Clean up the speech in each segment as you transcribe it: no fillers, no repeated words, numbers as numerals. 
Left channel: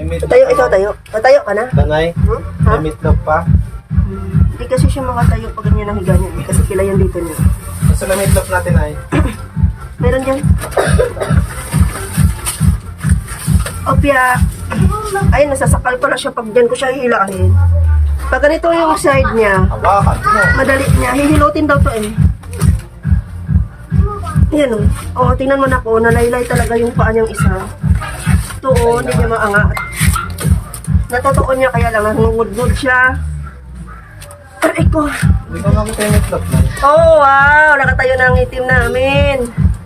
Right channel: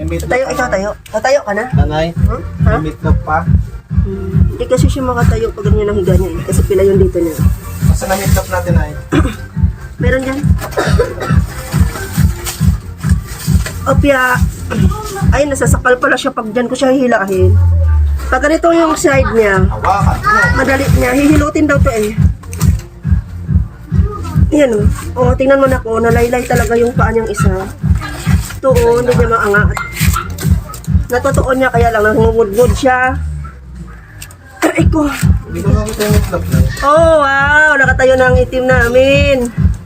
Tayo, ikaw tayo. Tayo ka na? Tanay, Ha? may meatloaf pa. Hindi kasi siya makatayo pag ganyan ang higa niya eh. Kasi pila yung dito niya. Basta na meatloaf natin ay. Meron dyan. Opya. Ay, nasasakal pala siya pag dyan ko siya hihilahin. Pag ganito yung side niya, Hawakan mo. madali niya. Hihilutin daw to eh. Yan o. O, tingnan mo na ko. Nalaylay talaga yung paa niyang isa. Ito o, hindi niya maangat. Natutuon niya kaya lang. Nangungudgod siya. Aray ko. Hindi ko makita yung meatloaf na. Oh, wow. Nakatayo na ang itim namin.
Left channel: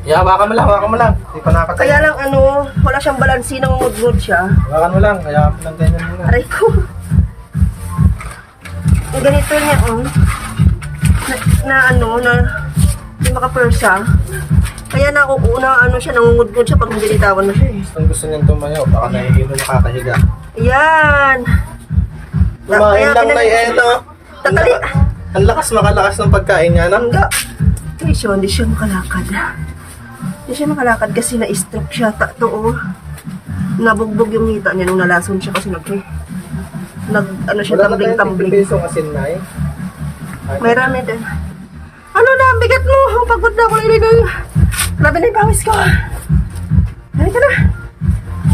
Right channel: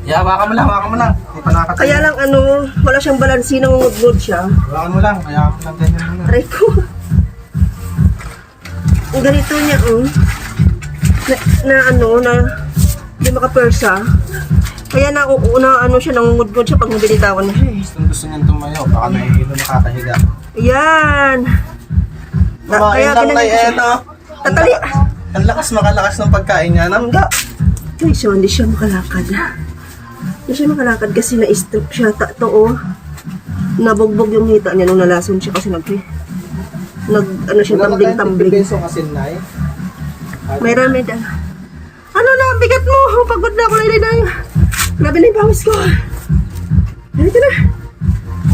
Yeah, hawakan mo lang, hawakan mo lang. Hindi pa nakatayo. Kaya lang ano, wala siyang balansi. Nangungudgod siya. Hawakan mo lang, kaya mo lang ganyan muna. Aray ko. Ang ganito niya, oh. Hindi makapersa. Kaya ano siya, nangungudgod siya pag nabilitawan na siya eh. Gusto niyang tumayo, baka nahihilo na kakahiga. Ayan. Kumain lang na ito. Tatali. Ang lakas makalakas ng pagkain niya, no? Hangga. Ay, so hindi siya makalakad. Hindi siya makalakad kasi na-stroke siya. Oh. Nabugbog yung hita niya nung nalason siya kasi ano siya, tumbling-tumbling. Piso asin na eh. Meron. Ano na, ang bigat mo. Pagod na ako nilay. Labi na yung pawis ko. Halika na.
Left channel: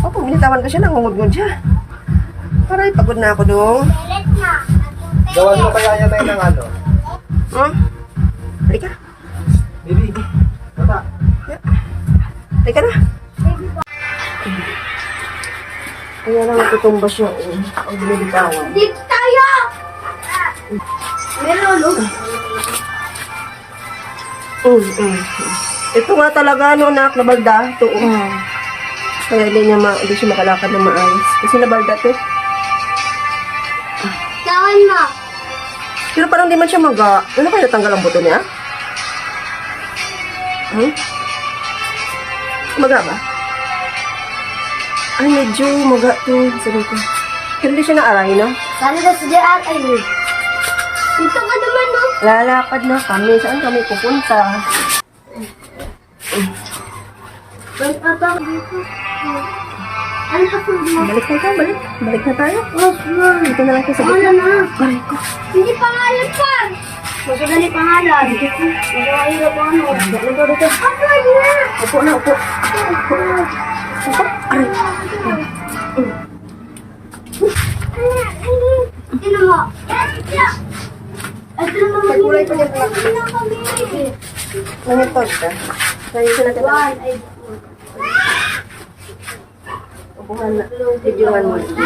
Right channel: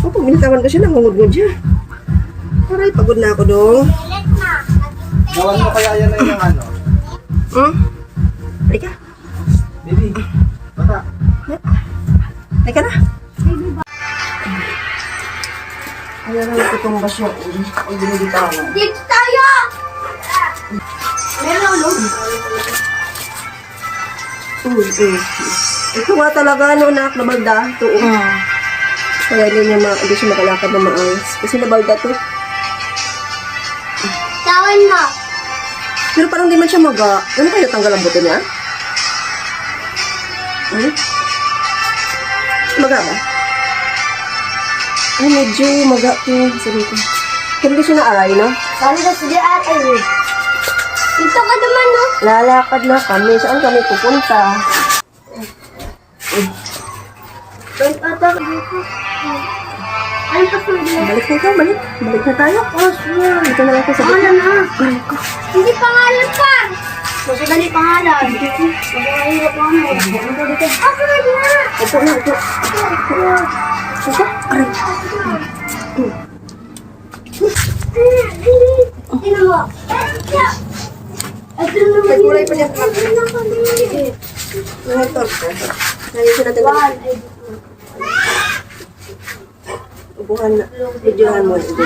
Oh, pag binitawan ko siya, nangungudgod siya. Aray, pagod na ako dong. Gawan mo kaya yan ay ng ano? Halika. Baby, bata. Halika na. Kaya lang natutumba siya. Ang binibitawan. Dito tayo! Meron, no? Ito nga talaga, nak, nabalda. Ito, Kaya hindi siya makalakad ng maayos. Kasi nabalda to. Tawan mo! Pero parang di man siya maga. Ano kaya natanggal ang buto niya? Maga ba? Ay, medyo maga to. Sabi ko. Pero di siya na-aray, no? Saan na si J.R. ay dito ka naman, no? Lalakad na kami. Saan kami pupunta? Wait, ata dito. Ano pa sa mga? Balik na ikaw, balik. Balik na tayo. Oh, sure. Dito na lang ako sa Pangalan na. Balik ko. Hindi pangalan pa. Gusto ba ni pangalan? Mag-ahirap mo ano. Dito, dito. Ah, pwede na. Upo na, upo. Upo. Aray. Ino mo. Ito na naman May kulay pa dyan. kami. Nangatol ko. Nangatol natin. One, ay. Upuhan na. Videohan mo. Sige.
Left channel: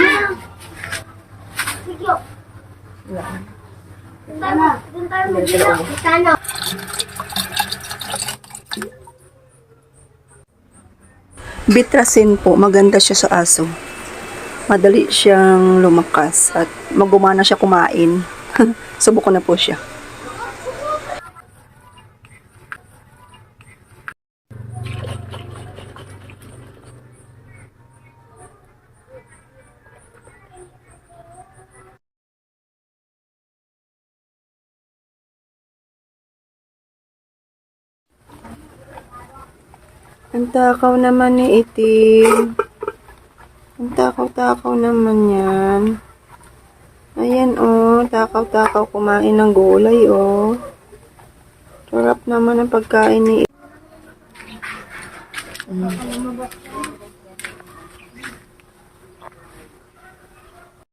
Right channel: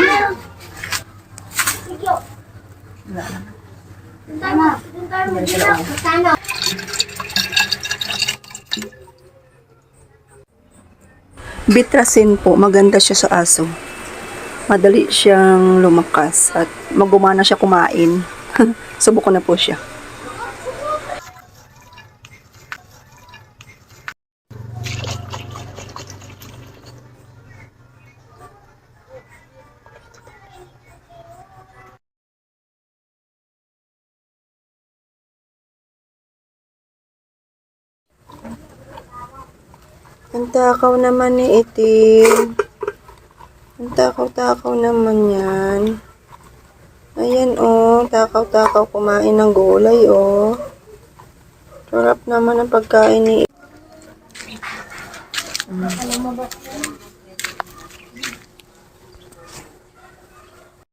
Doon tayo mag-ilaw. Sana. Bitrasin po, maganda siya sa aso. Madali siyang lumakas at magumana siya kumain. Subok ko na po siya. Ang takaw naman ni Itim. Ang takaw-takaw naman yan. Ayan oh, takaw-takaw kumain ng gulay oh. Sarap naman ang pagkain ni Itim.